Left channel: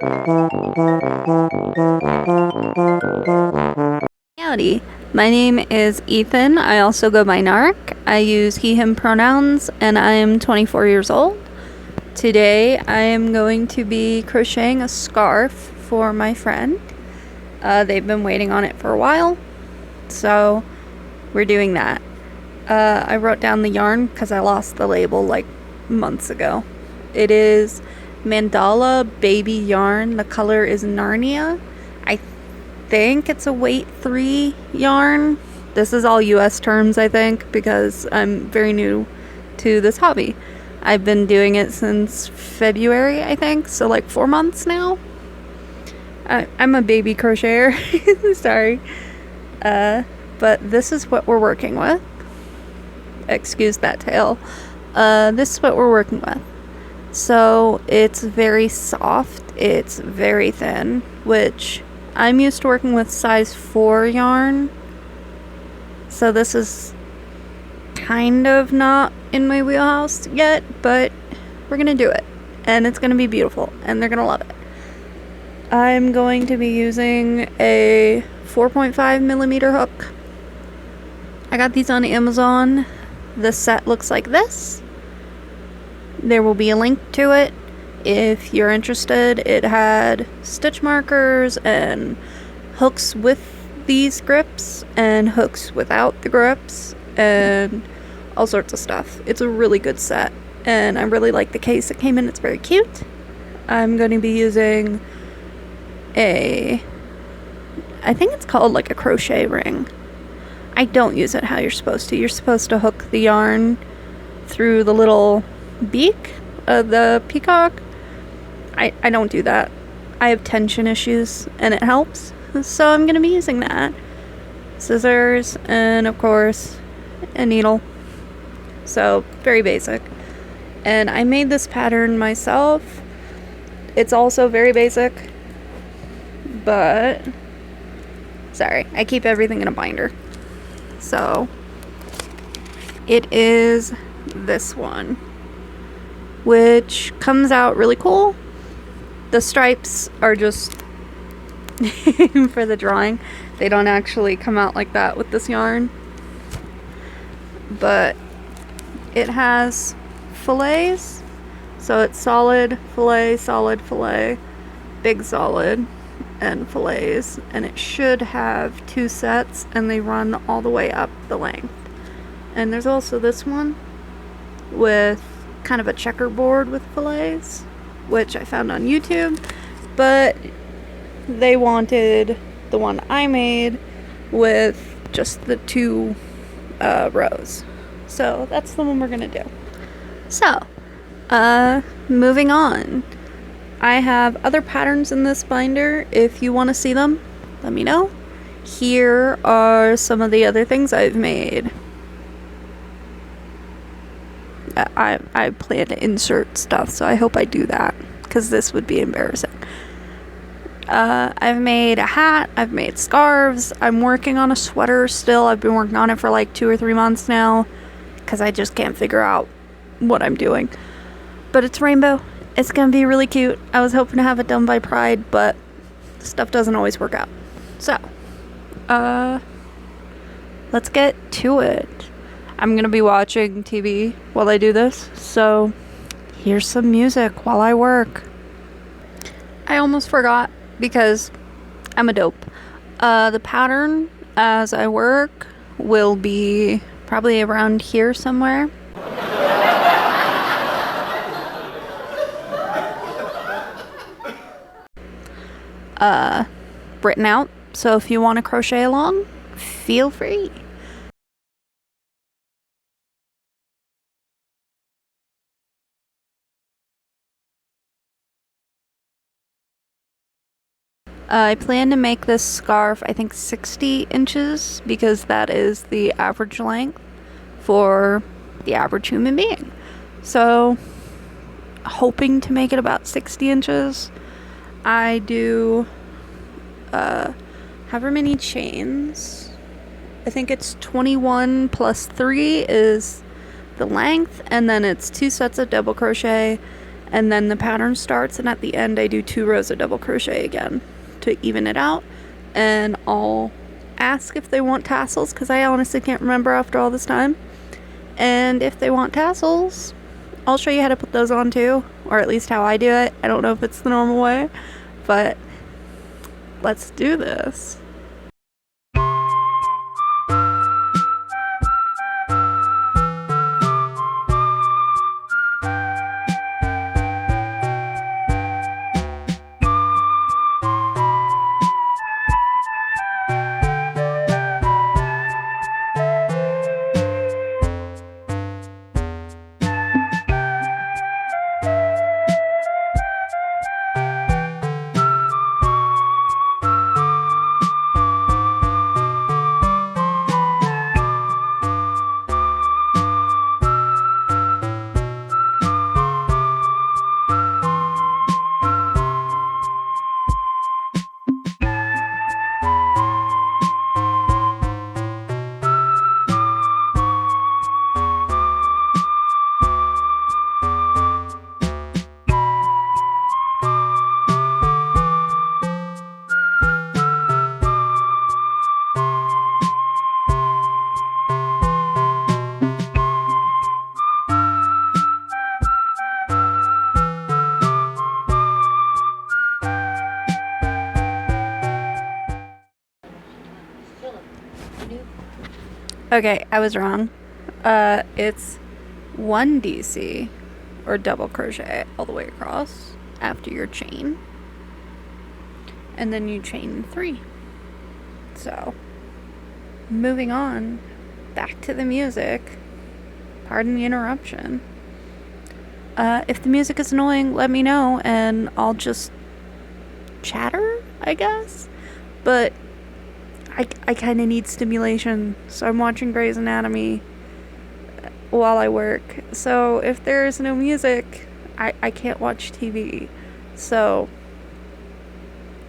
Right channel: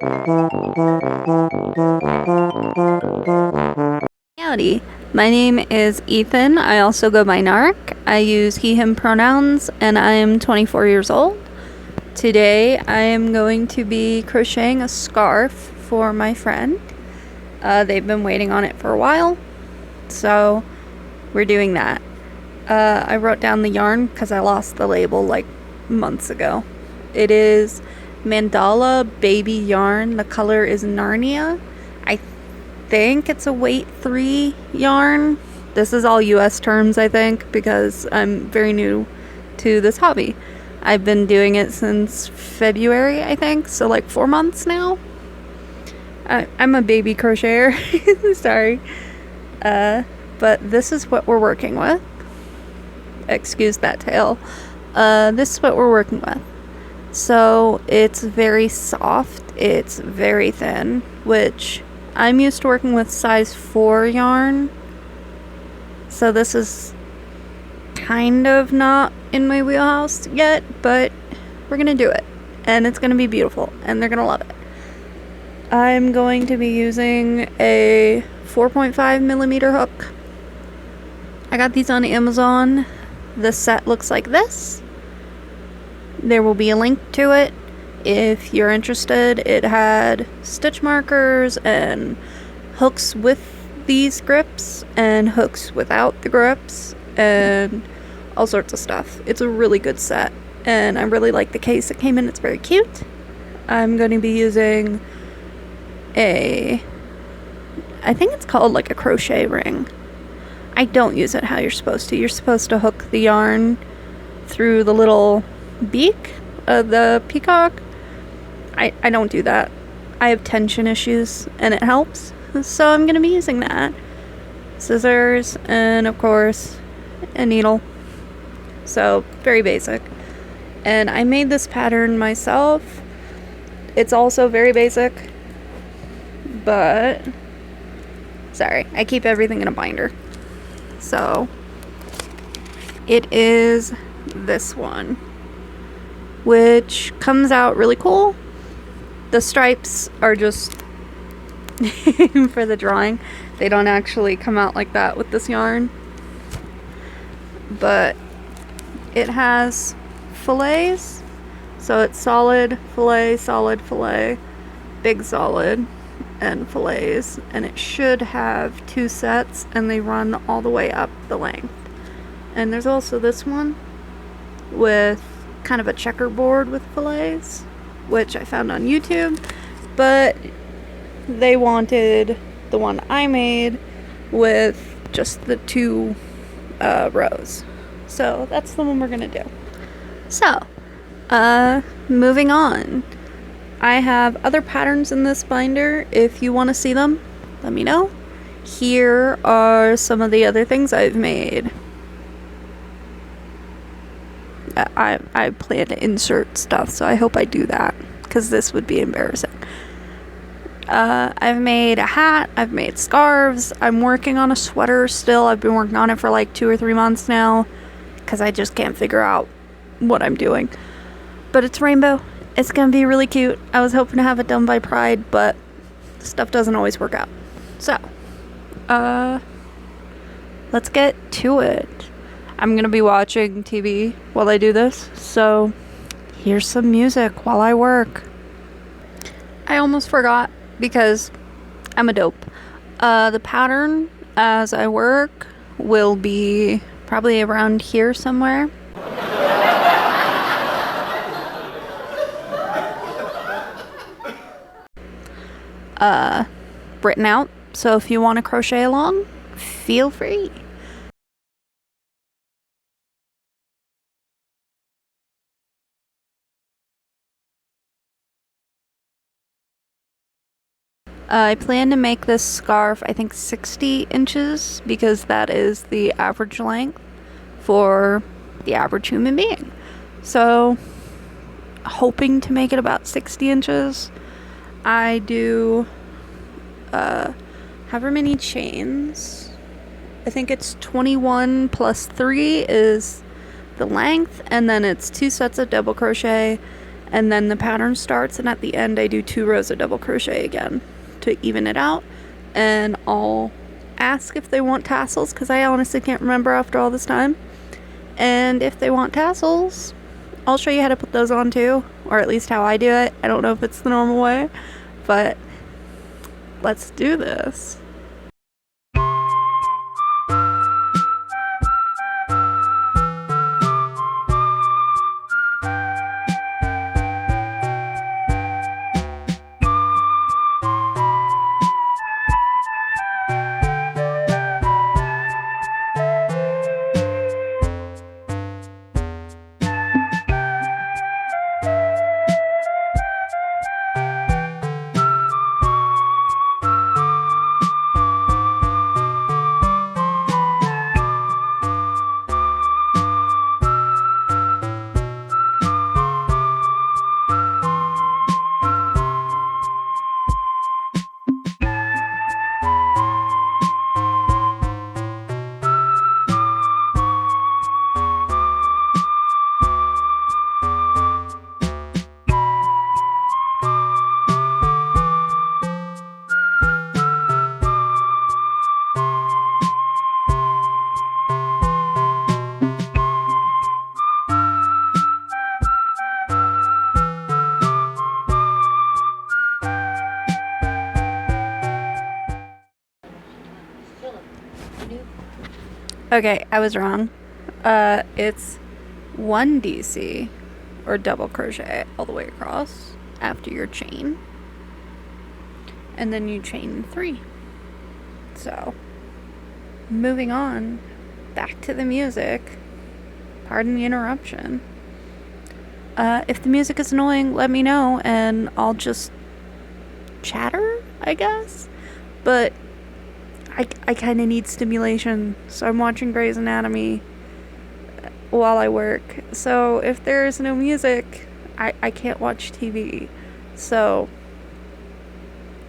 Howdy, my name is Ethan. I also go by Nark. I use he, him pronouns, and I am 24 years old. Today I am going to be crocheting a scarf for my friend. They've been waiting on it for a while, so we're doing that. I wrote down the yarn because I lost the label like months ago. It is Mandala Baby Yarn. The color is Narnia. I think it's a weight 3 yarn. This is all US terms, I think, because I'm very new to this hobby. I've been doing it since February, I think, so like 4 months now. I'm a baby crocheter. Sorry. But this is what we're working with. Excuse that tail. This is what we're working with. So it's very soft, it's very thin, which I'm used to working with size 4 yarn. So this is kind of not in my wheelhouse yet, but we're gonna do it. And it's gonna be beautiful, and they're gonna love it. I'm going to be using a 4.5 millimeter hook. I got these on Amazon. The set looks like this. There will be a link to it if you're interested. It had stitch markers and hooks with these grips and hooks without the grips and all sorts of stuff. It's a really good set, and I really like the case it came in. It's very cute. I'm going to be using I think it's called like a crochet ring. I don't use it how you're supposed to. You're supposed to hook the yarn through the little beak of the peacock. I don't do that. I have tension issues and it helps, so I'm gonna be using that. Scissors and of course a needle. So very basic. And I made this pattern myself. It's also very basic, but sorry, I keep everything in a binder. So it is this one, which comes out really cool. The stripes are just for the drawing. They don't actually come out like that with this yarn. But it has fillets. So it's solid, fillet, big solid, and fillets. And it should have 2 sets, and they run all the way up the length. And there's also this one with kind of a checkerboard with fillets, which I found on YouTube, but they wanted the one I made with just the 2 rows. So that's the one we're gonna do. So, moving on. I have other patterns in this binder. If you want to see them, let me know. Here are some of the other things I've made. I plan to insert stuff, so I hope I do that, because this would be embarrassing. I've made a hat, I've made scarves, I'm working on a sweater still. I've been working on it for like 2 or 3 months now, because I just can't figure out what I'm doing. But it's rainbow. It's gonna be really cute. I was hoping to have it done by Pride, but stuff doesn't always work out. So, let's get to it. I'm gonna be watching TV while I do this, so here's some music while I work. I almost forgot because I'm a dope. The pattern as I work will be probably around here somewhere. Written out, so if you want to crochet along, feel free. I plan to make this scarf, I think 60 inches, because that is the average length for the average human being. So, hoping to make it about 60 inches. I do however many chains. I think it's 21 plus 3 is the length, and then it's 2 sets of double crochet, and then the pattern starts, and at the end I do 2 rows of double crochet again to even it out. And I'll ask if they want tassels, because I honestly can't remember after all this time. And if they want tassels, I'll show you how to put those on too, or at least how I do it. I don't know if it's the normal way, but let's do this. Okay, I was wrong. It's 1 DC, or double crochet all the way across after your chain, and then you chain 3. So, moving on, back to the music. Pardon the interruption. If the music is annoying, let me know, and I'll just chatter, I guess. But I kind of need stimulation, so I'm watching Grey's Anatomy while I work. So if there's no music, I can't watch TV. So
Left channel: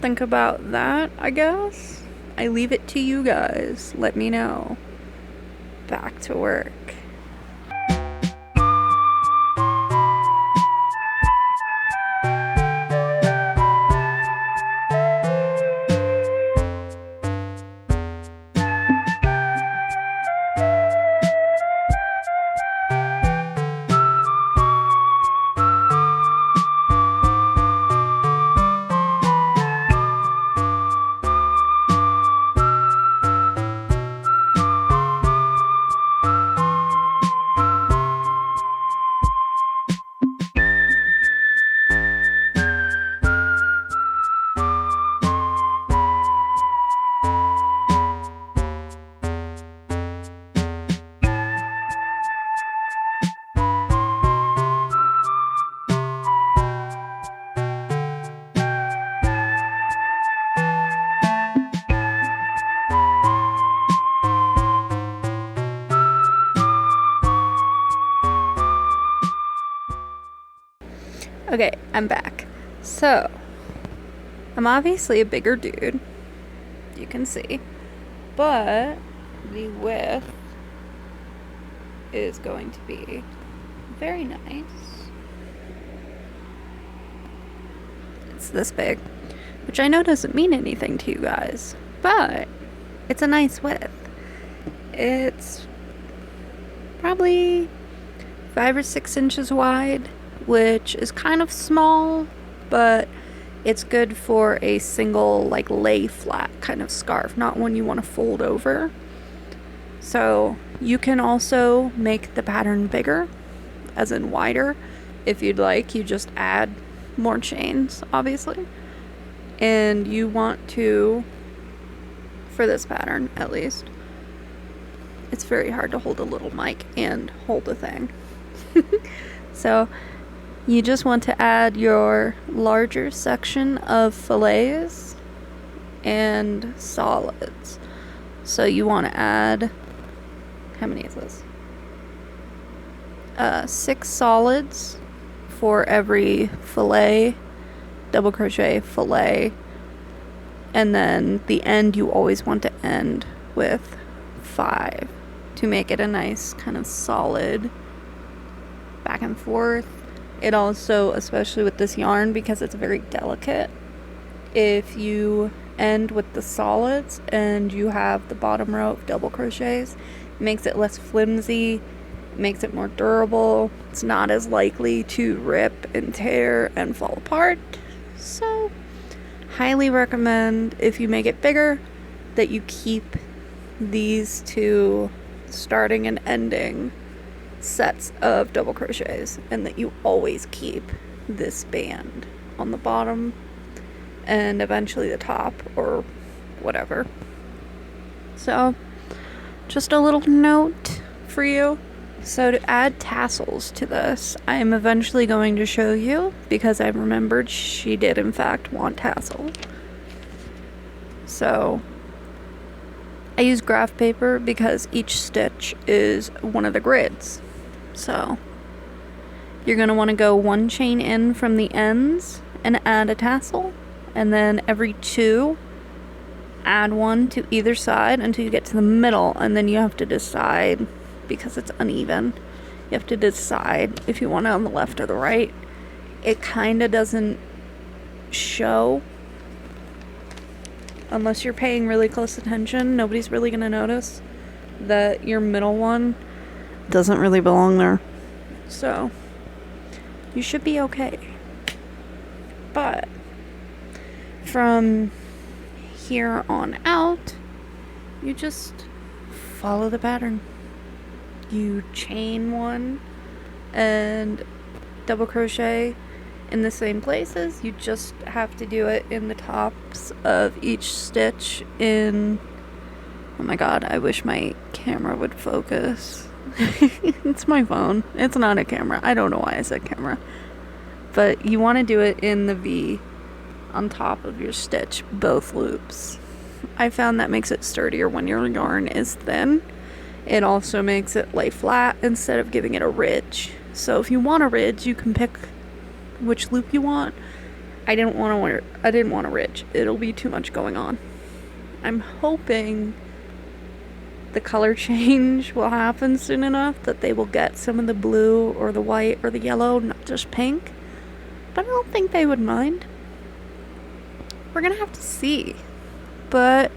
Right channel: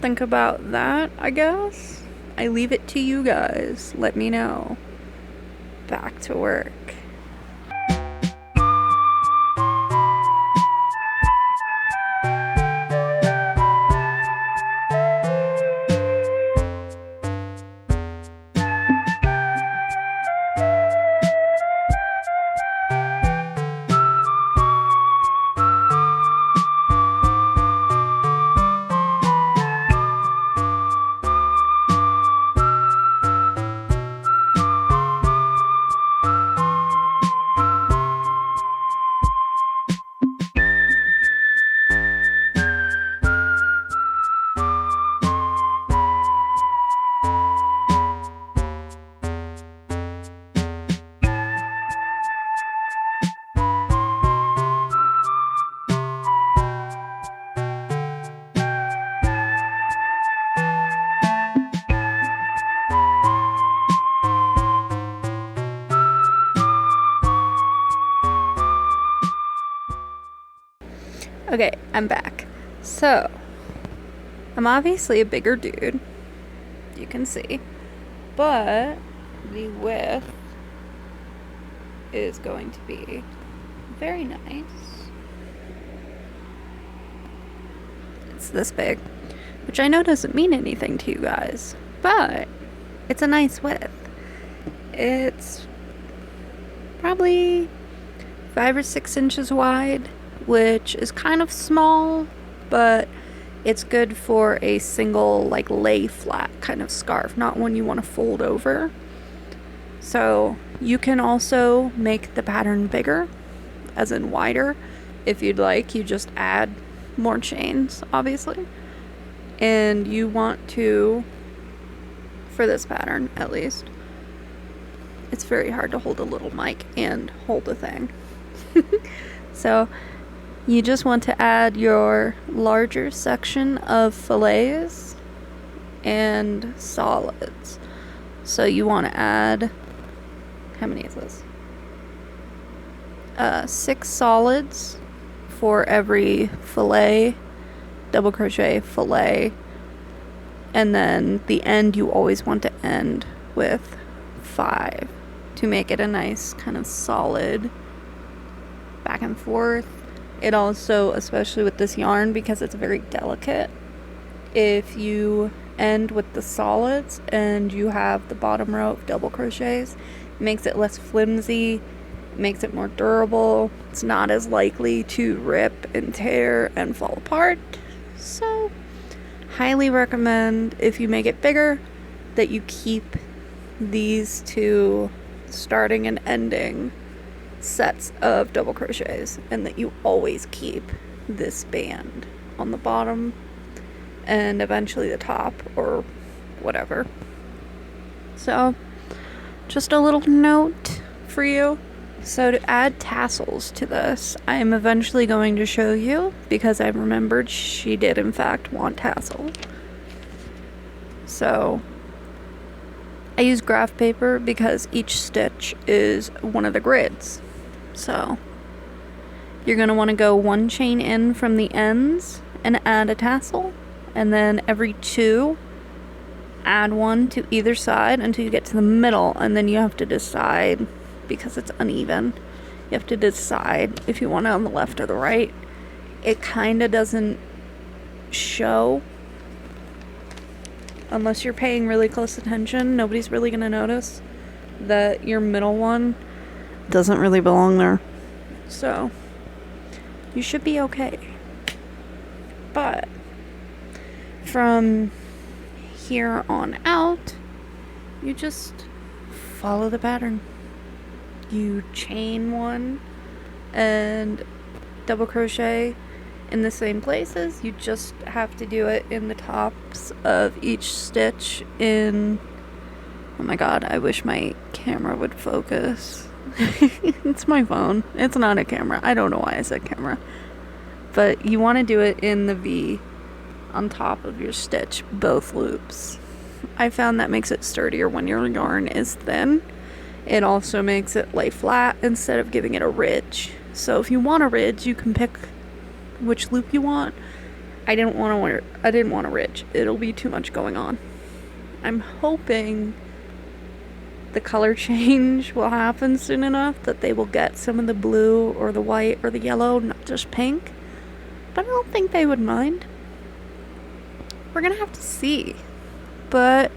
think about that, I guess. I leave it to you guys. Let me know. Back to work. Okay, I'm back. So, I'm obviously a bigger dude, you can see, but the width is going to be very nice. It's this big, which I know doesn't mean anything to you guys, but it's a nice width. It's probably 5 or 6 inches wide, which is kind of small, but it's good for a single, like, lay flat kind of scarf, not one you want to fold over. So you can also make the pattern bigger, as in wider, if you'd like. You just add more chains, obviously. And you want to, for this pattern at least, it's very hard to hold a little mic and hold a thing. So you just want to add your larger section of fillets and solids. So you want to add, how many is this? 6 solids for every fillet, double crochet, fillet, and then the end you always want to end with 5 to make it a nice kind of solid back and forth. It also, especially with this yarn, because it's very delicate, if you end with the solids and you have the bottom row of double crochets, it makes it less flimsy, makes it more durable. It's not as likely to rip and tear and fall apart. So, highly recommend, if you make it bigger, that you keep these two starting and ending sets of double crochets, and that you always keep this band on the bottom and eventually the top or whatever. So, just a little note for you. So to add tassels to this, I am eventually going to show you, because I remembered she did in fact want tassel. So I use graph paper because each stitch is one of the grids. So you're going to want to go one chain in from the ends and add a tassel, and then every two add one to either side until you get to the middle, and then you have to decide, because it's uneven, you have to decide if you want it on the left or the right. It kind of doesn't show unless you're paying really close attention. Nobody's really going to notice that your middle one doesn't really belong there. So you should be okay. But from here on out, you just follow the pattern. You chain one and double crochet in the same places. You just have to do it in the tops of each stitch in... Oh my god, I wish my camera would focus. It's my phone. It's not a camera. I don't know why I said camera. But you want to do it in the V on top of your stitch, both loops. I found that makes it sturdier when your yarn is thin. It also makes it lay flat instead of giving it a ridge. So if you want a ridge, you can pick which loop you want. I didn't want a ridge. It'll be too much going on. I'm hoping the color change will happen soon enough that they will get some of the blue or the white or the yellow, not just pink. But I don't think they would mind. We're gonna have to see. But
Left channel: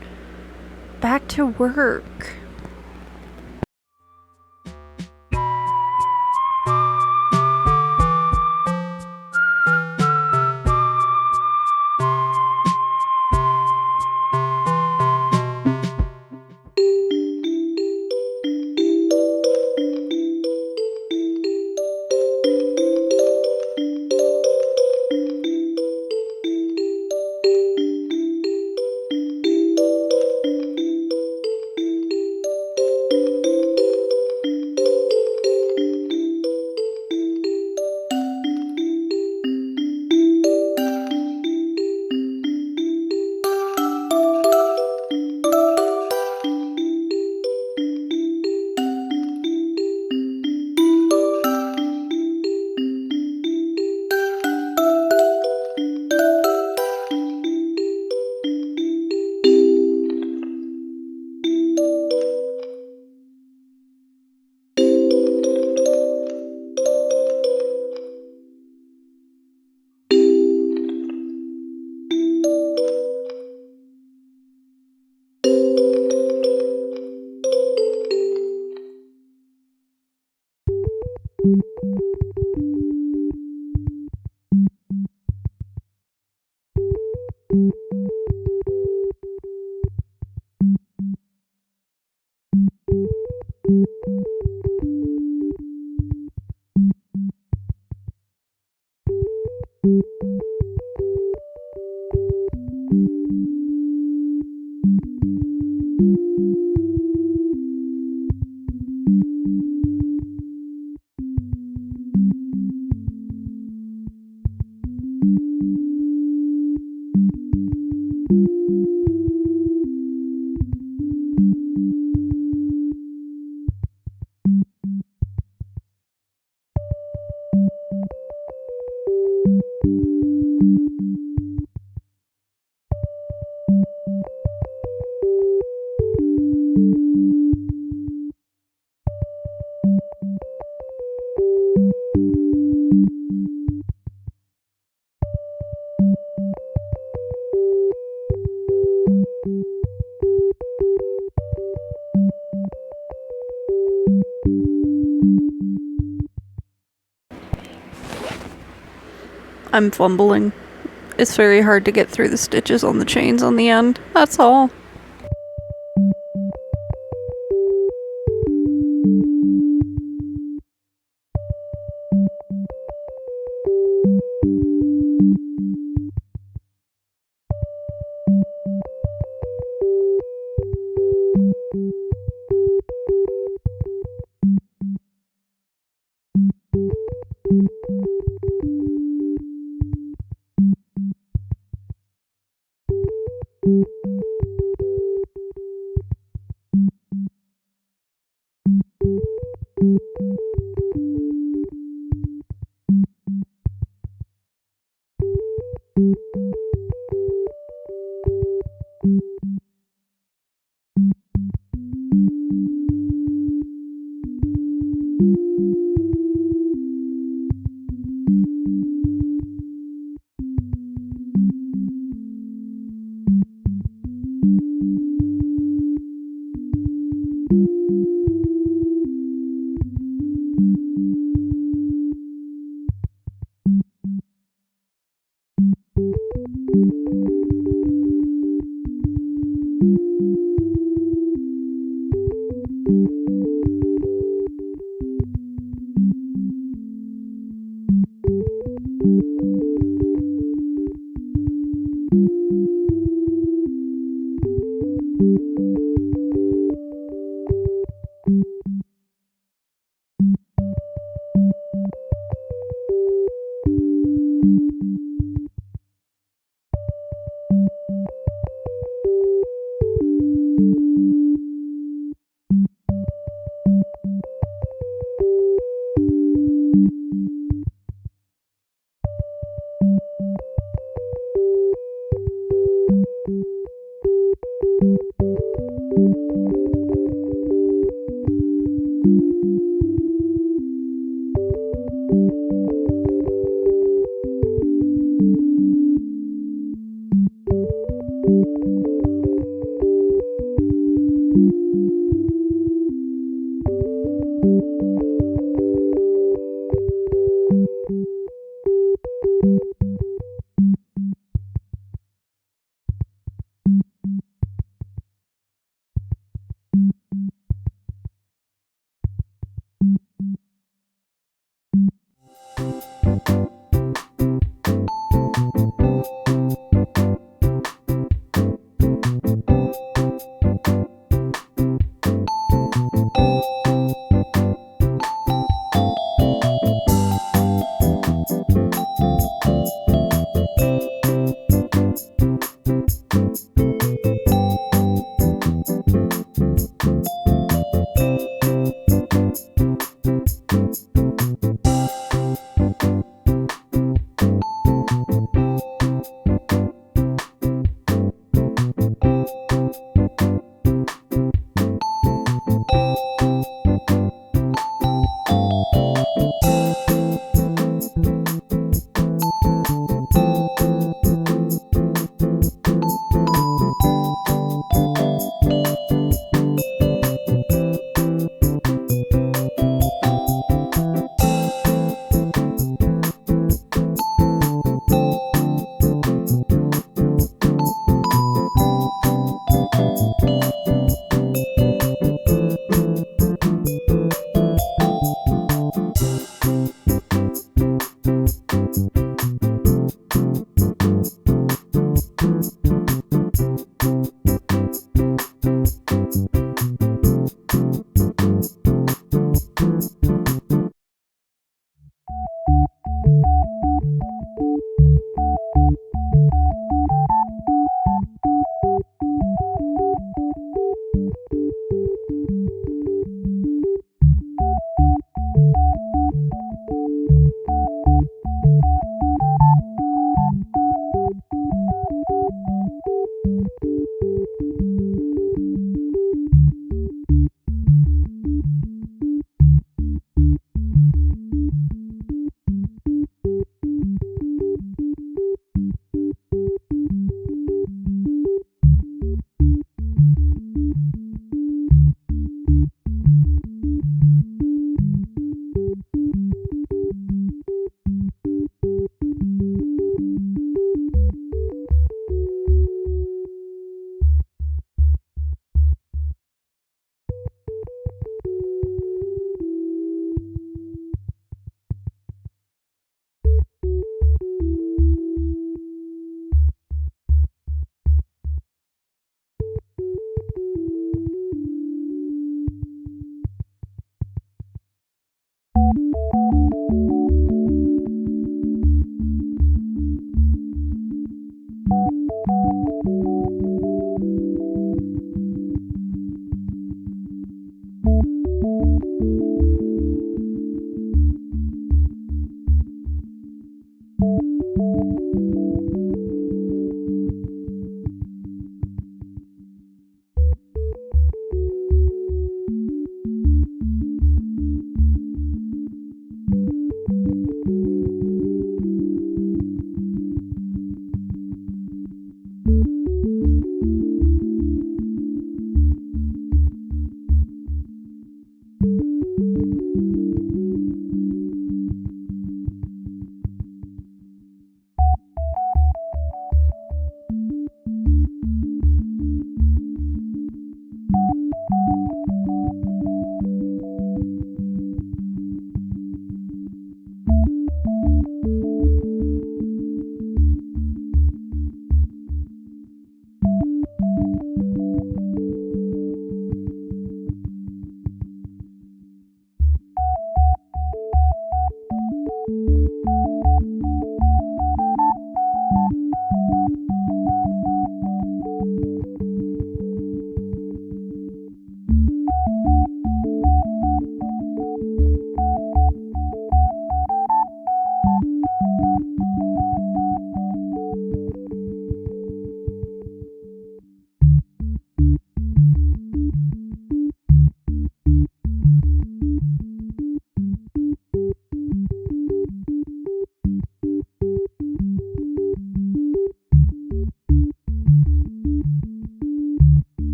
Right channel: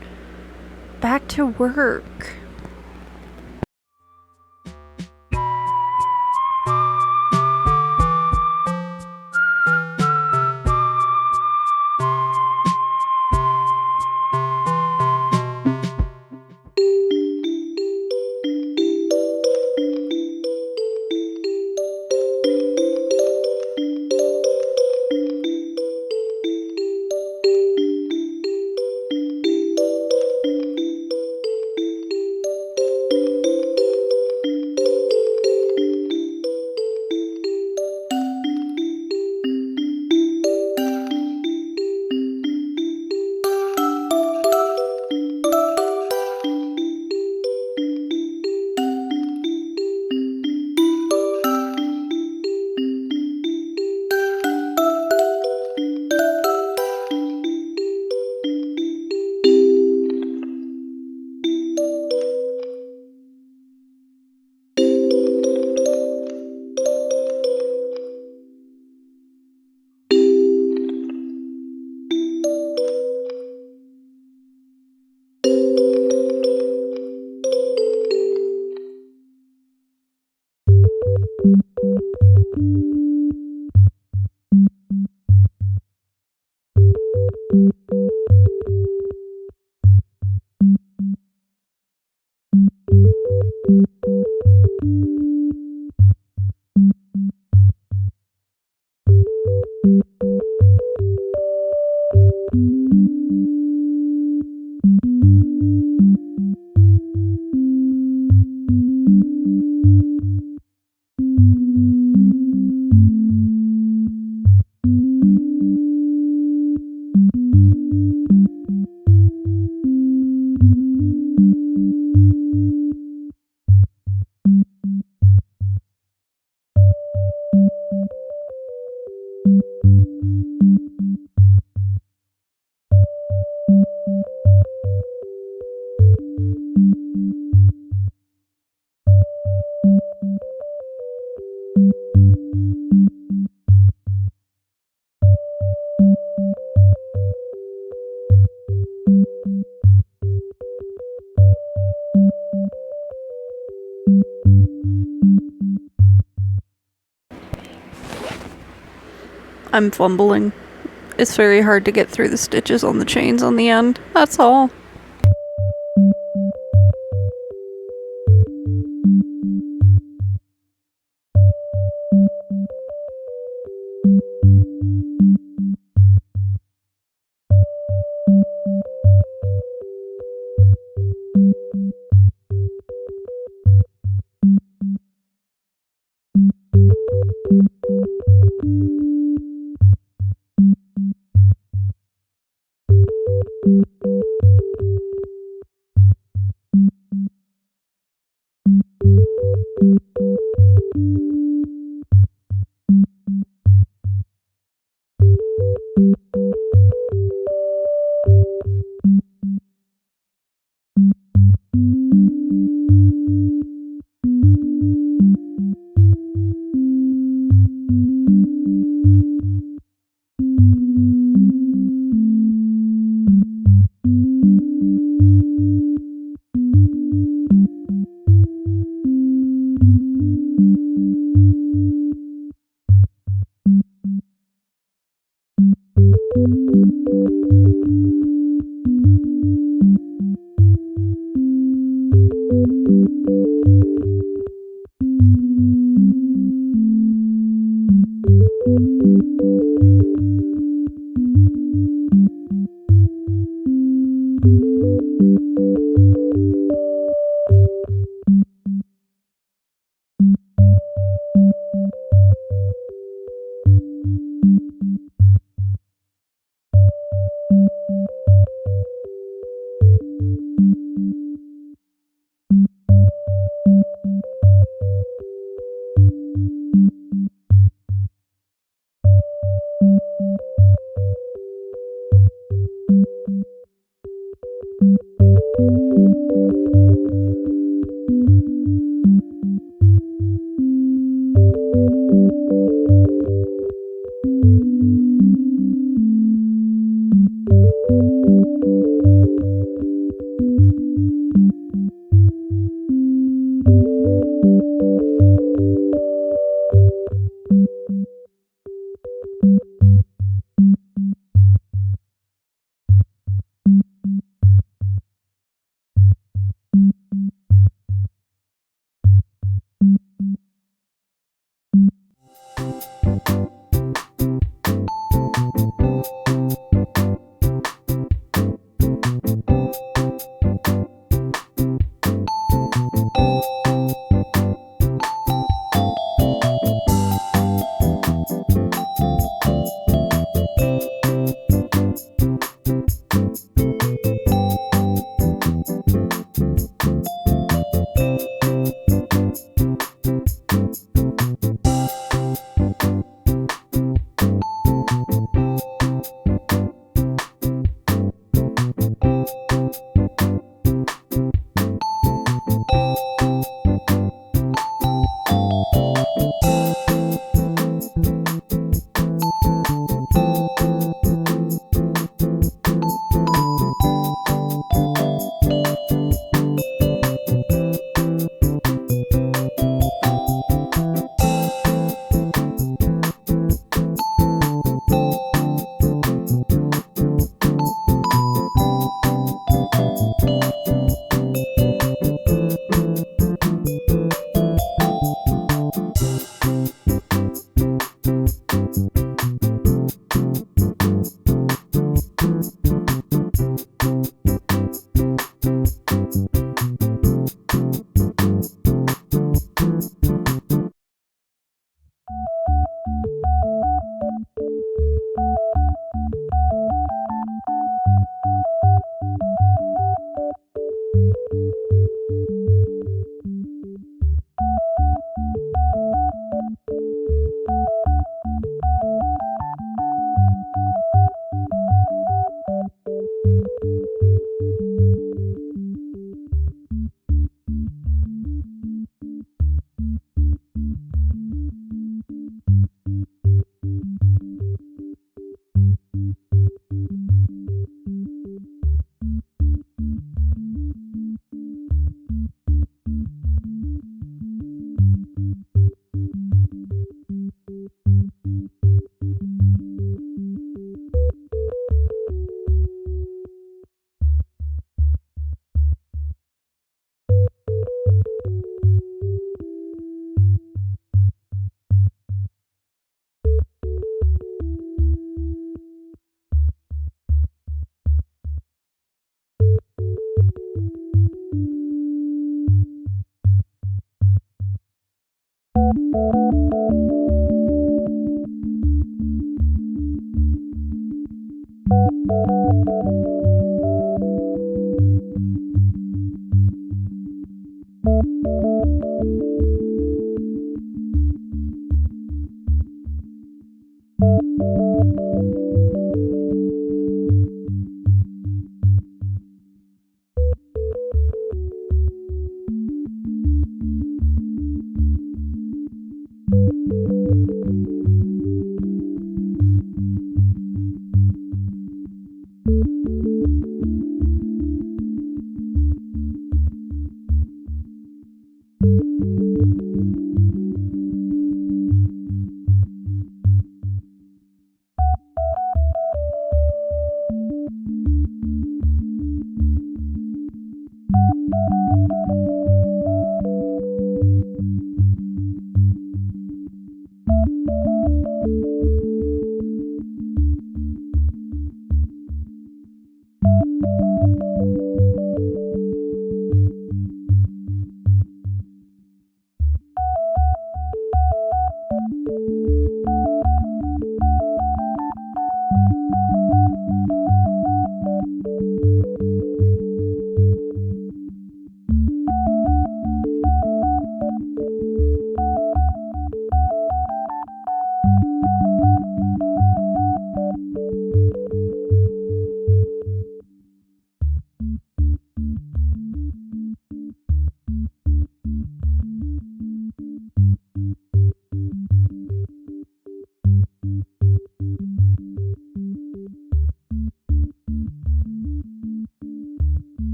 back to work. I'm fumbling. It's very hard to get through the stitches on the chains on the end. That's all.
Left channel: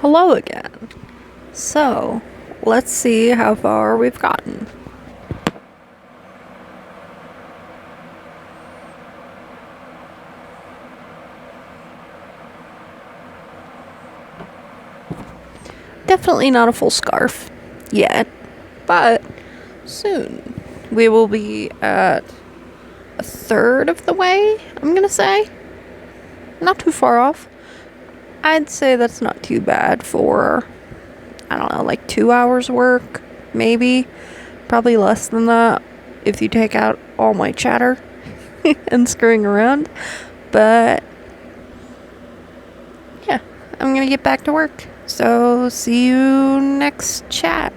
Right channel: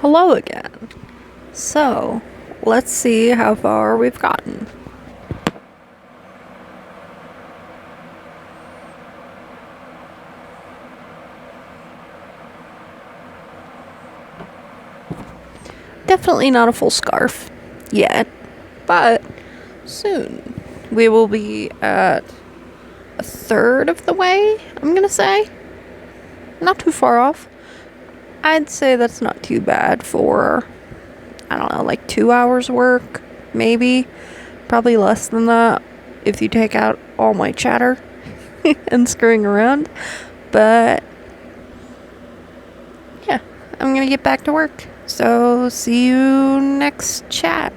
Hello again. So, let's see how far we've gotten. Definitely not a full scarf yet, but soon. We will be at a third of the way, I'm gonna say. Not too far off. I'd say that's not too bad for, I don't know, like 2 hours work, maybe. Probably less than that if you take out all my chatter and screwing around. But yeah, I'm gonna get back to work. So see you next chat.